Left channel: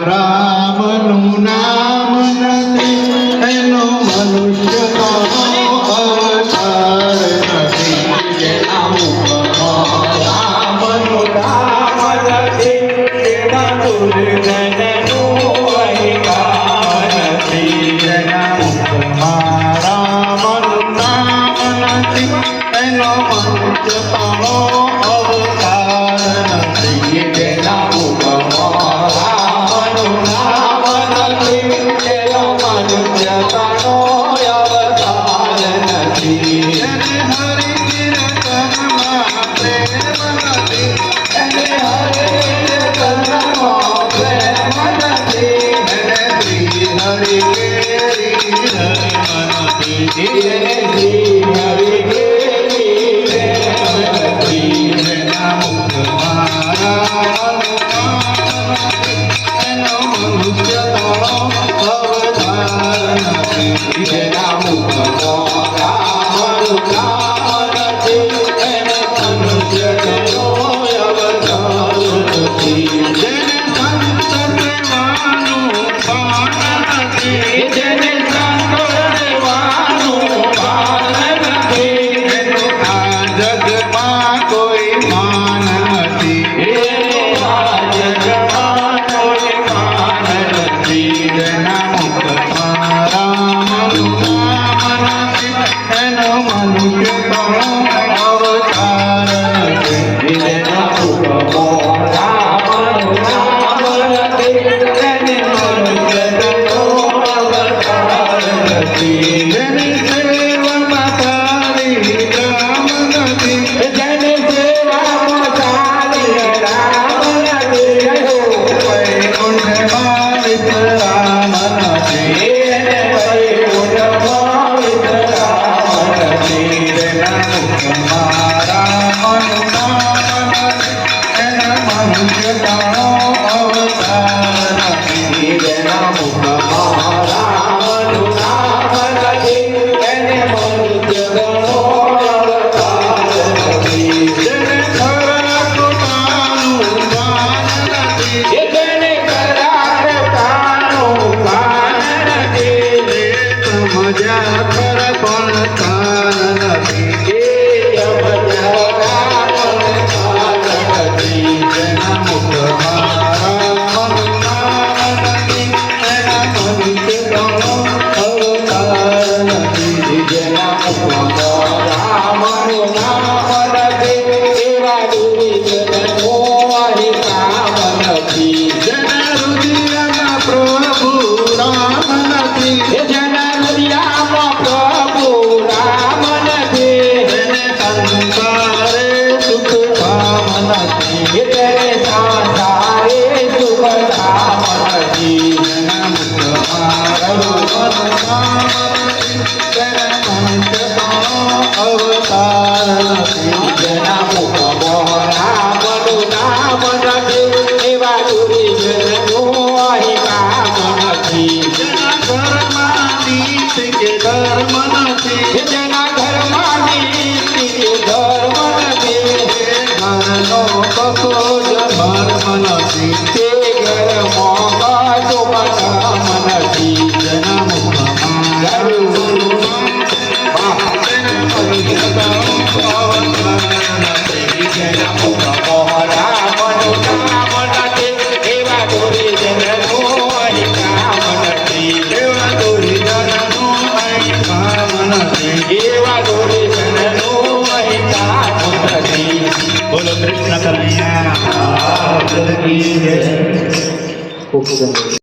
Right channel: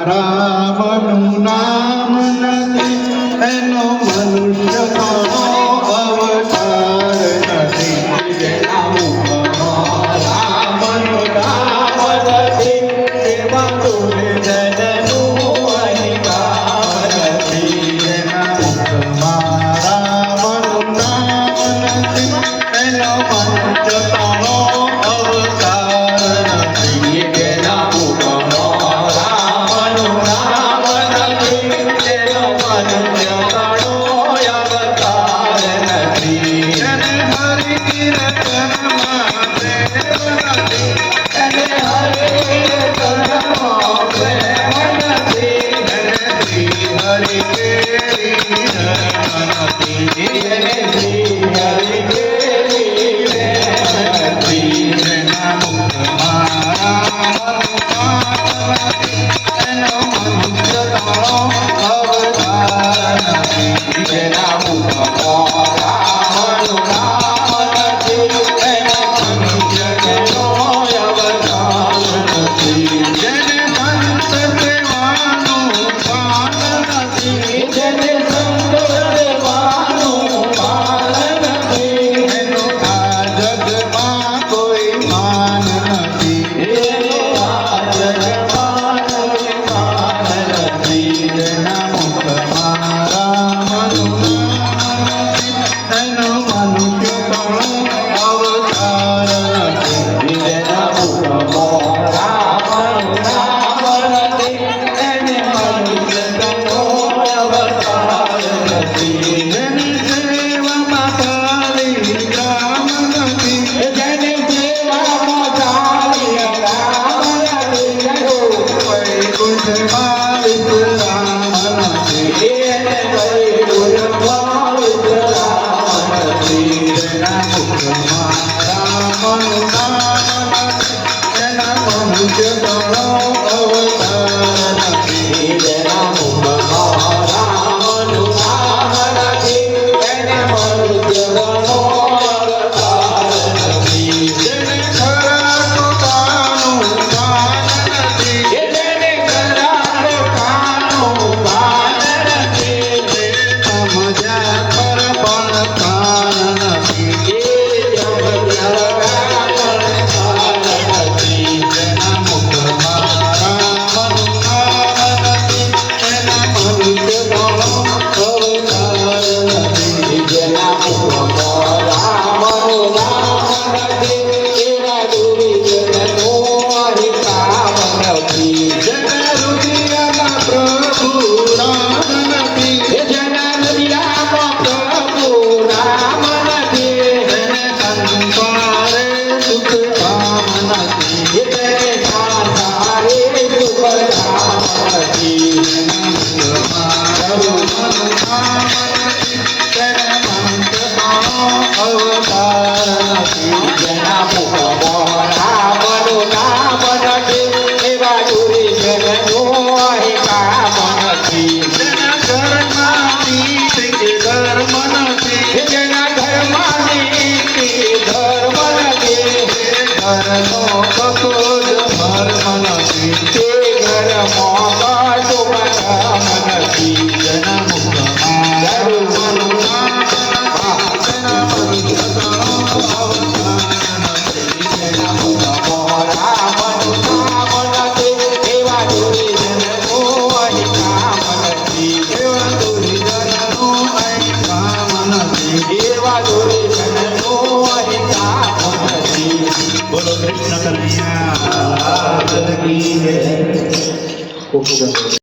રામનું નામ નથી એનો મનુષ્ય અવતાર નથી જેના મુખમાં રામનું નામ નથી જેના દુર્જનનું અધિકાર નથી જેના મુખમાં રામનું નામ નથી એનો મનુષ્ય અવતાર નથી જેના મુખમાં રામનું નામ નથી તેનો મનુષ્ય અવતાર નથી એને હરિ કીર્તનમાં પ્રેમ નથી એને હરિ કીર્તનમાં પ્રેમ નથી એને શ્રી હરિ કેરી નથી એને શ્રી હરિ કેરી નથી જેના મુખમાં એનો મનુષ્ય અવતાર નથી જેના મુખમાં રામનું નામ નથી એનો મનુષ્ય અવતાર નથી જેને સંત સેવાનું ભાન નથી જેને સંત સેવાનું ભાન નથી એનો આ જગમાં કોઈ માન નથી આ જગમાં કોઈ માન નથી જેના મુખમાં રામનું નામ નથી એનો મનુષ્ય અવતાર નથી જેના મુખમાં રામનું નામ નથી એને મનુષ્ય અવતાર નથી જેની સેવામાં ચાલી રામ નથી જેની સેવામાં ચાલી રામ નથી વૈકુંઠમાં વિશ્રામ નથી એને વૈકુંઠમાં વિશ્રામ નથી જેના મુખમાં રામનું નામ નથી એના મનુષ્ય અવતાર નથી જેના મુખમાં રામનું નામ નથી એના મનુષ્ય અવતાર નથી જેને ખરા કૃપાનું ભાન નથી જેને ખરા કૃપાનું ભાન નથી જે સમજ્યા પર પણ ભાન નથી જે સમજ્યા ભાન નથી જેના મુખમાં રામનું નામ નથી એના મનુષ્ય અવતાર નથી જેના મુખમાં રામનું નામ નથી એવા દુર્જનનો અધિકાર નથી જેના હૃદયમાં પ્રભુ રામ નથી જેના હૃદયમાં પ્રભુ રામ નથી એને સંસારે સુખ ધામ નથી તેને સંસારે સુખ ધામ નથી જેના મુખમાં રામનું નામ નથી તેના મનુષ્ય અવતાર નથી જેના મુખમાં રામનું નામ નથી એવા દુર્જનનો અધિકાર નથી જેના ઘરમાં નીતિ કે ધર્મ નથી જેના ઘરમાં નીતિ કે ધર્મ નથી ઘરનો કશો જ મર્મ નથી તે ઘરમાં કશો ધર્મ નથી જેના મુખમાં રામનું નામ તેના મનુષ્ય અવતાર નથી જેના મુખમાં રામનું નામ નથી એવા દુર્જનનો અધિકાર નથી એવા દુર્જનનો અધિકાર નથી એવા દુર્જનનો અધિકાર નથી બોલો કૃષ્ણ કનૈયા લાલ કી જય. ખૂબ